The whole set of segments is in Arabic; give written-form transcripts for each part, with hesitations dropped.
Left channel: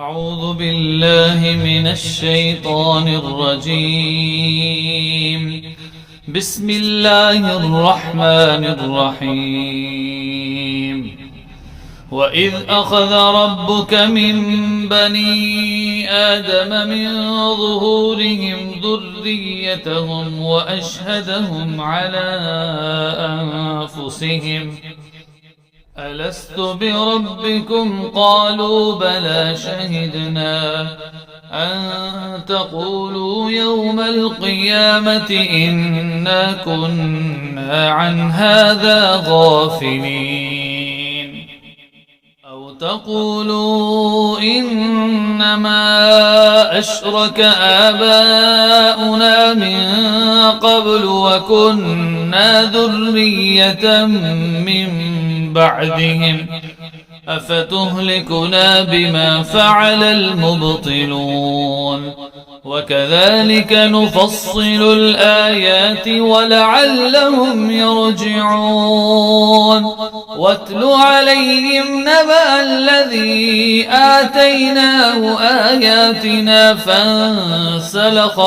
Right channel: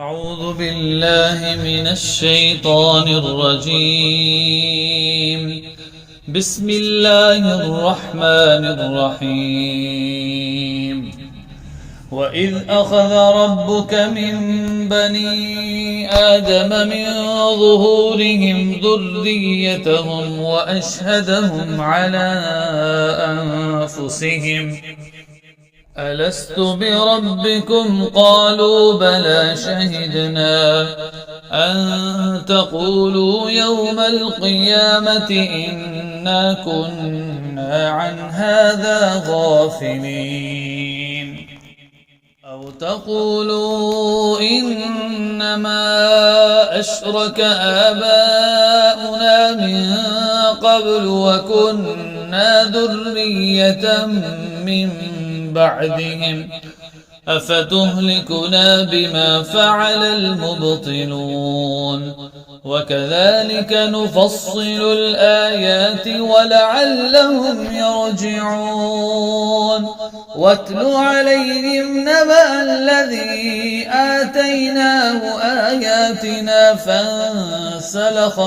أعوذ بالله من الشيطان الرجيم. بسم الله الرحمن الرحيم. وإذ أخذ ربك من بني آدم من ظهورهم ذريتهم وأشهدهم على أنفسهم ألست بربكم قالوا بلى شهدنا أن تقولوا يوم القيامة إنا كنا عن هذا غافلين أو تقولوا إنما أشرك آباؤنا من قبل وكنا ذرية من بعدهم أفتهلكنا بما فعل المبطلون وكذلك نفصل الآيات ولعلهم يرجعون واتل عليهم نبأ الذي آتيناه آياتنا فانسلخ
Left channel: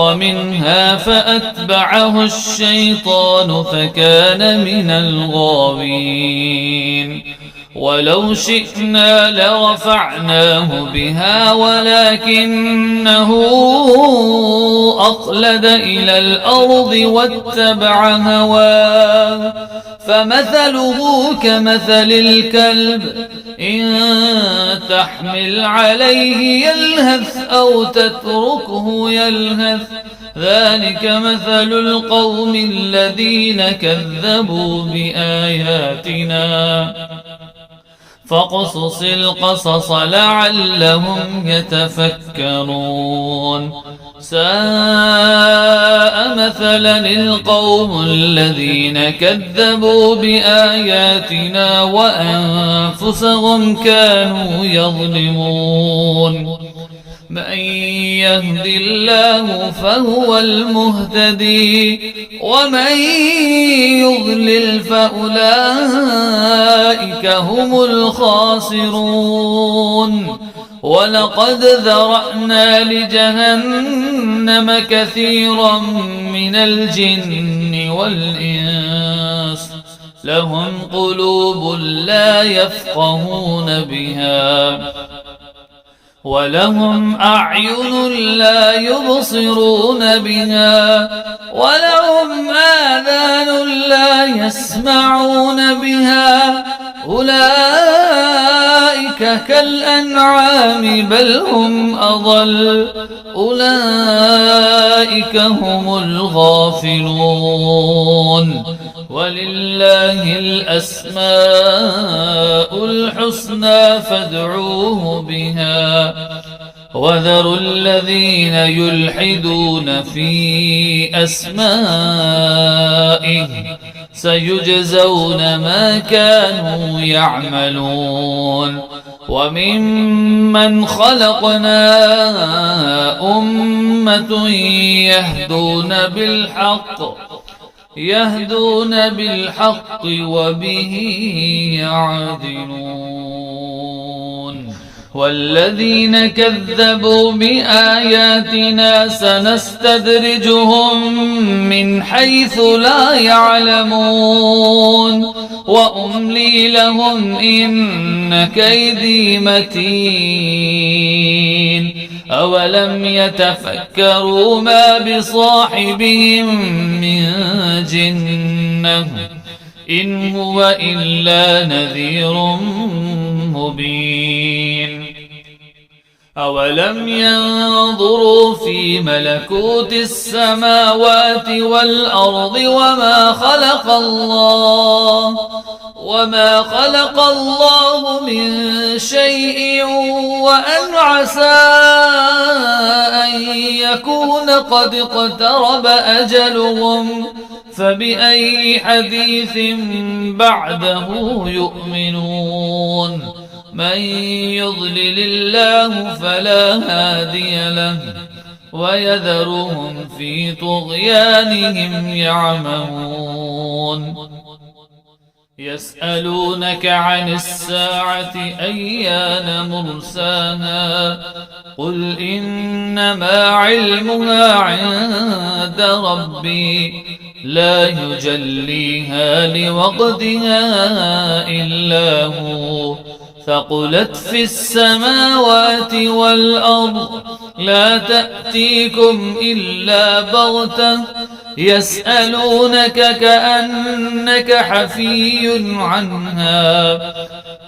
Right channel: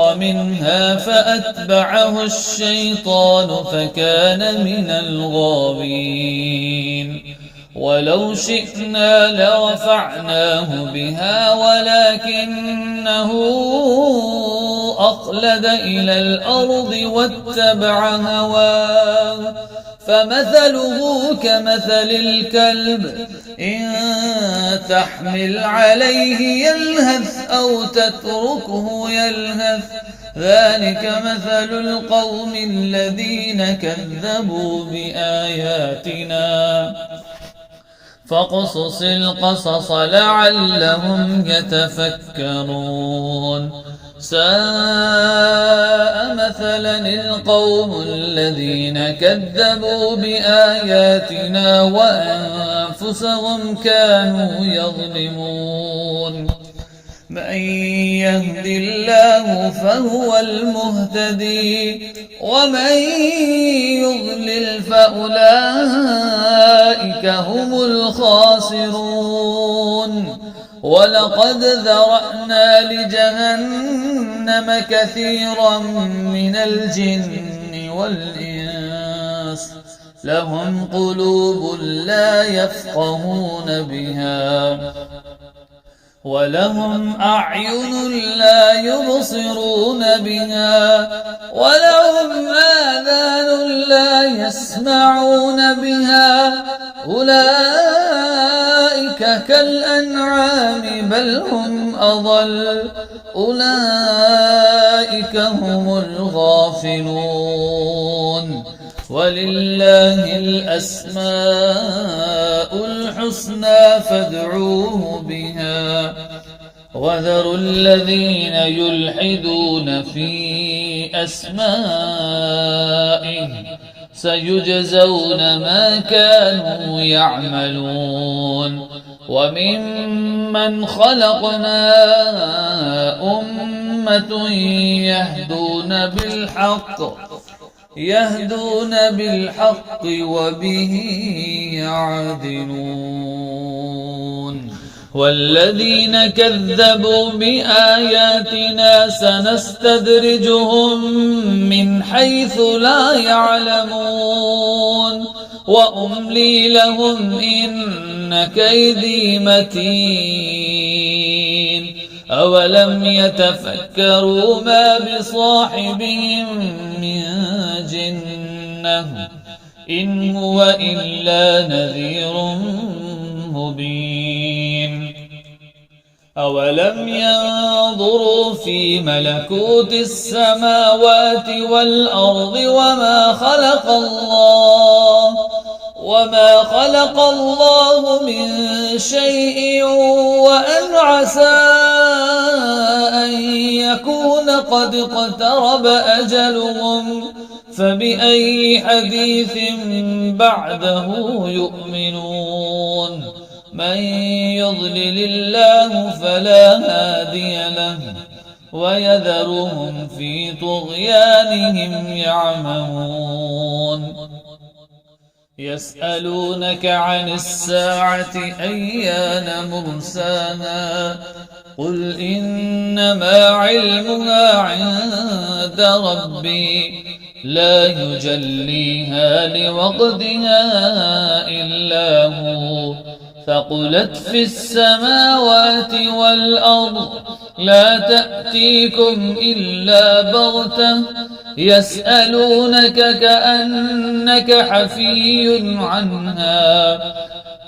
منها فأتبعه الشيطان فكان من الغاوين ولو شئنا لرفعناه بها ولكنه أخلد إلى الأرض واتبع هواه فمثله كمثل الكلب إن تحمل عليه يلهث أو تتركه يلهث ذلك مثل القوم الذين كذبوا بآياتنا فاقصص القصص لعلهم يتفكرون ساء مثلا القوم الذين كذبوا بآياتنا وأنفسهم كانوا يظلمون من يهد الله فهو المهتدي ومن يضلل فأولئك هم الخاسرون ولقد ذرأنا لجهنم كثيرا من الجن والإنس لهم قلوب لا يفقهون بها ولهم أعين لا يبصرون بها ولهم آذان لا يسمعون بها أولئك كالأنعام بل هم أضل أولئك هم الغافلون ولله الأسماء الحسنى فادعوه بها وذروا الذين يلحدون في أسمائه سيجزون ما كانوا يعملون وممن خلقنا أمة يهدون بالحق وبه يعدلون والذين كذبوا بآياتنا سنستدرجهم من حيث لا يعلمون وأملي لهم إن كيدي متين أولم يتفكروا ما بصاحبهم من جنة إن هو إلا نذير مبين أولم ينظروا في ملكوت السماوات والأرض وما خلق الله من شيء وأن عسى أن يكون قد اقترب أجلهم فبأي حديث بعده يؤمنون من يضلل الله فلا هادي له ويذرهم في طغيانهم يعمهون يسألونك عن الساعة أيان مرساها قل إنما علمها عند ربي لا يجليها لوقتها إلا هو ثقلت في السماوات والأرض لا تأتيكم إلا بغتة يسألونك كأنك حفي عنها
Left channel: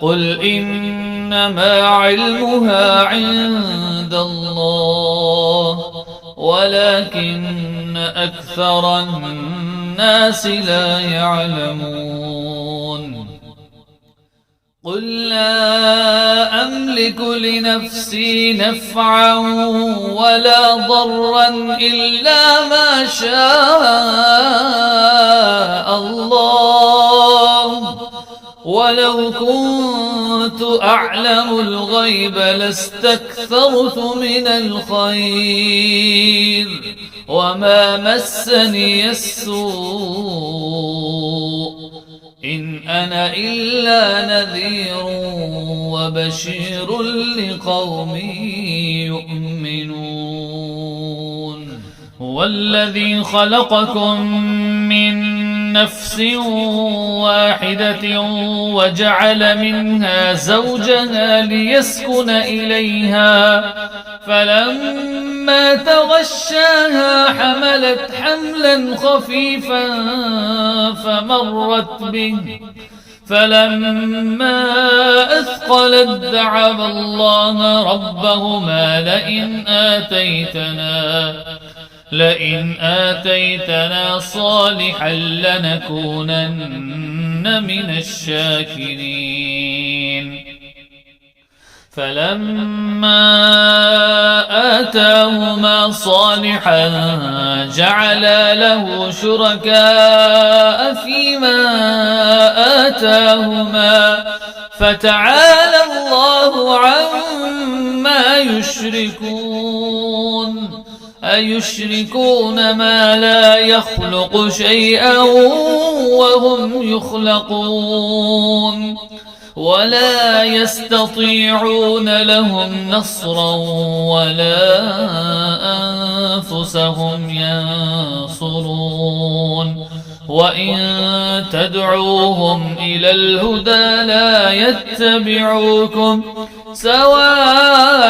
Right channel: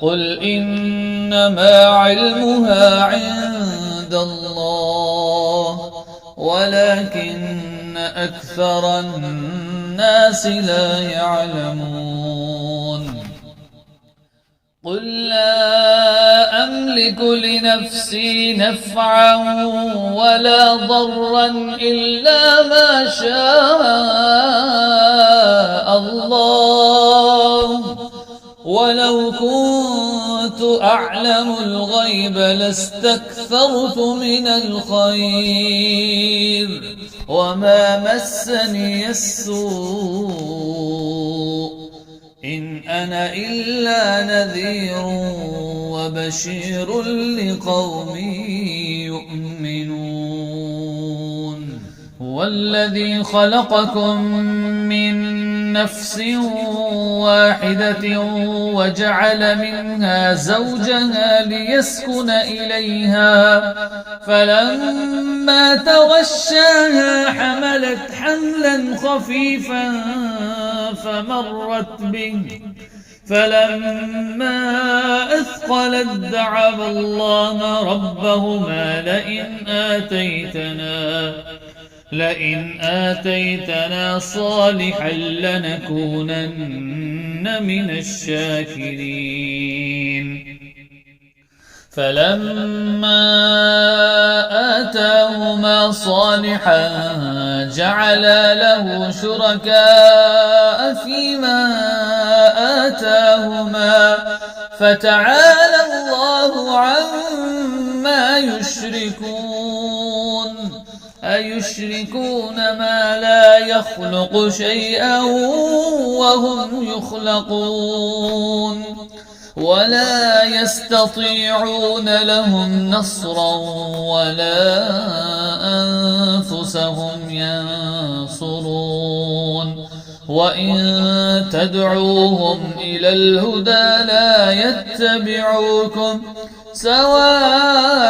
قل إنما علمها عند الله ولكن أكثر الناس لا يعلمون قل لا أملك لنفسي نفعا ولا ضرا إلا ما شاء الله ولو كنت أعلم الغيب لاستكثرت من الخير وما مسني السوء إن أنا إلا نذير وبشير لقوم يؤمنون هو الذي خلقكم من نفس واحدة وجعل منها زوجها ليسكن إليها فلما تغشاها حملت حملا خفيفا فمرت به فلما أثقلت دعوا الله ربهما لئن آتيتنا صالحا لنكونن من الشاكرين فلما آتاهما صالحا جعلا له شركاء فيما آتاهما فتعالى الله عما يشركون أيشركون ما لا يخلق شيئا وهم يخلقون ولا يستطيعون لهم نصرا ولا أنفسهم ينصرون وإن تدعوهم إلى الهدى لا يتبعوكم سواء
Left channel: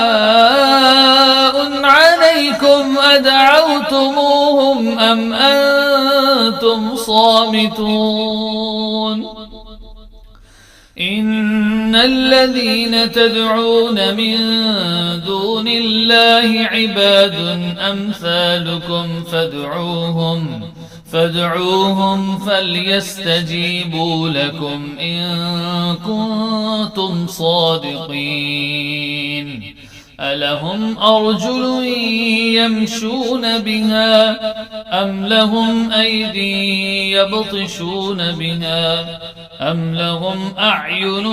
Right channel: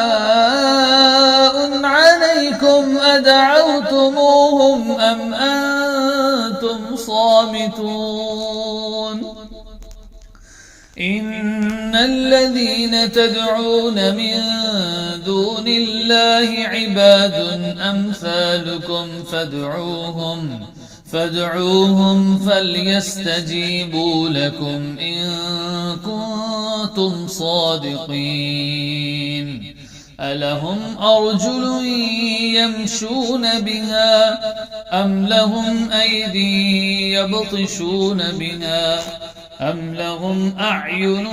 عليكم أدعوتموهم أم أنتم صامتون إن الذين تدعون من دون الله عباد أمثالكم فادعوهم فليستجيبوا لكم إن كنتم صادقين ألهم أرجل يمشون بها أم لهم أيدي يبطشون بها أم لهم أعين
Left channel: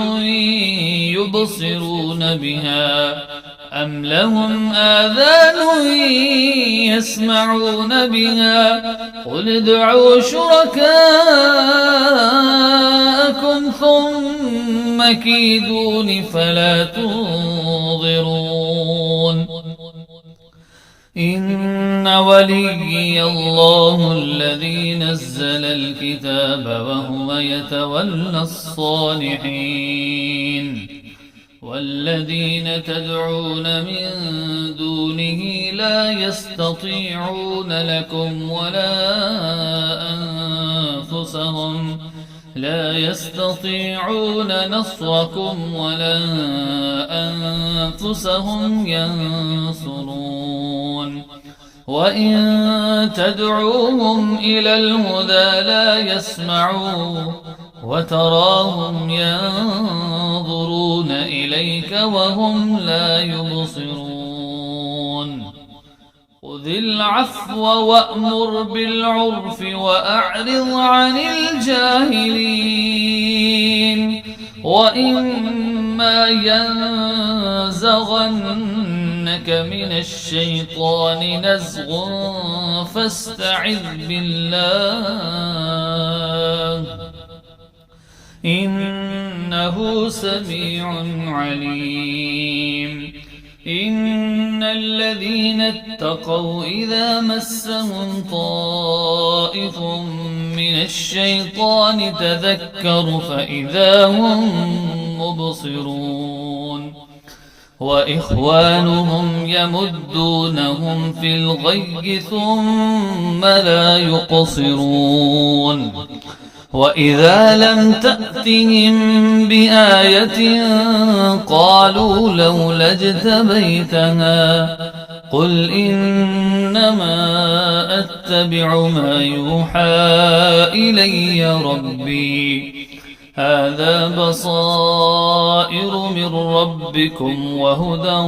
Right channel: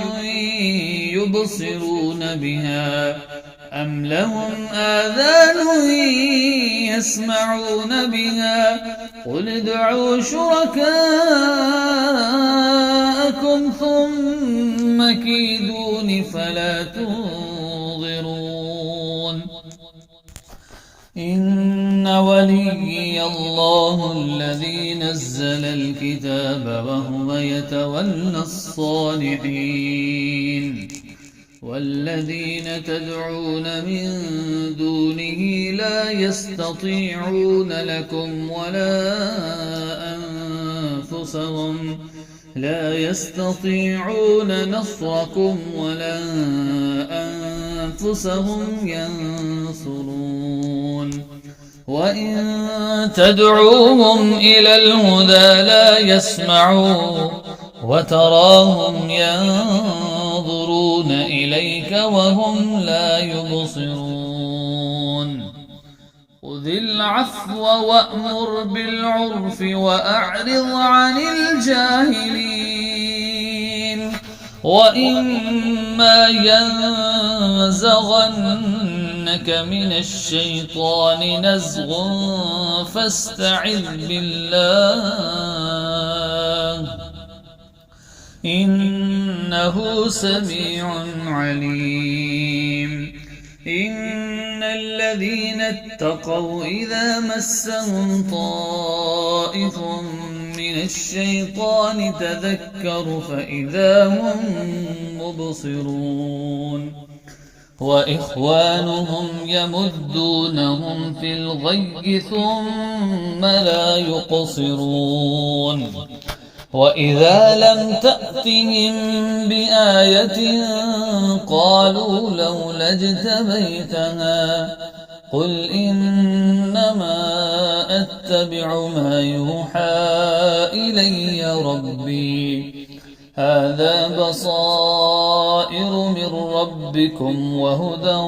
يبصرون بها أم لهم آذان يسمعون بها قل ادعوا شركاءكم ثم كيدون فلا تنظرون إن وليي الله الذي نزل الكتاب وهو يتولى الصالحين والذين تدعون من دونه لا يستطيعون لكم ولا يستطيعون نصركم ولا أنفسهم ينصرون وإن تدعوهم إلى الهدى لا يسمعوا وتراهم ينظرون إليك وهم لا يبصرون خذ العفو وأمر بالعرف وأعرض عن الجاهلين وإما ينزغنك من الشيطان نزغ فاستعذ بالله إنه سميع عليم إن الذين اتقوا إذا مسهم طائف من الشيطان تذكروا فإذا هم مبصرون وإخوانهم يمدونهم في الغي ثم لا يقصرون وإذا لم تأتهم بآية قالوا لولا اجتبيتها قل إنما أتبع ما يوحى إلي ربي هذا بصائر من ربكم وهدى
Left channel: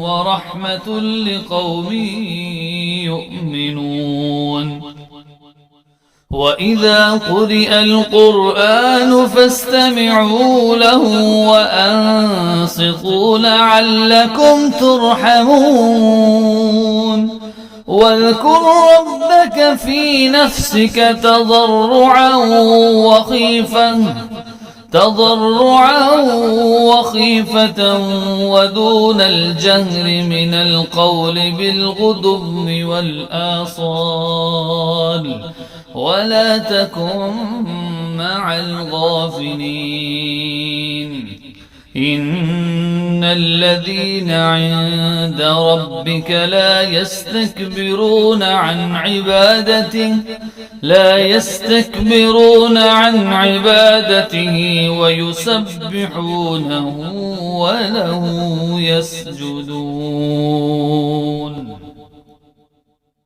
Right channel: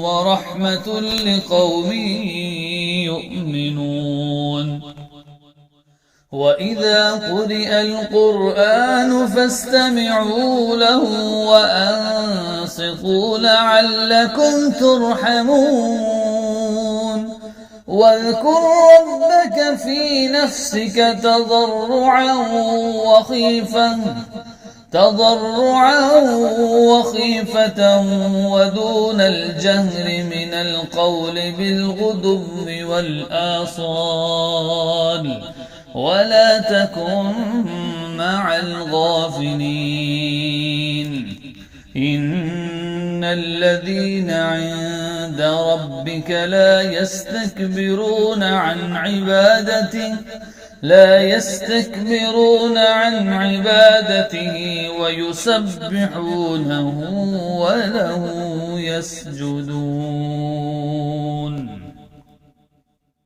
ورحمة لقوم يؤمنون وإذا قرئ القرآن فاستمعوا له وأنصتوا لعلكم ترحمون واذكر ربك في نفسك تضرعا وخيفة ودون الجهر من القول بالغدو والآصال ولا تكن مع الغافلين إن الذين عند ربك لا يستكبرون عن عبادته ويسبحونه وله يسجدون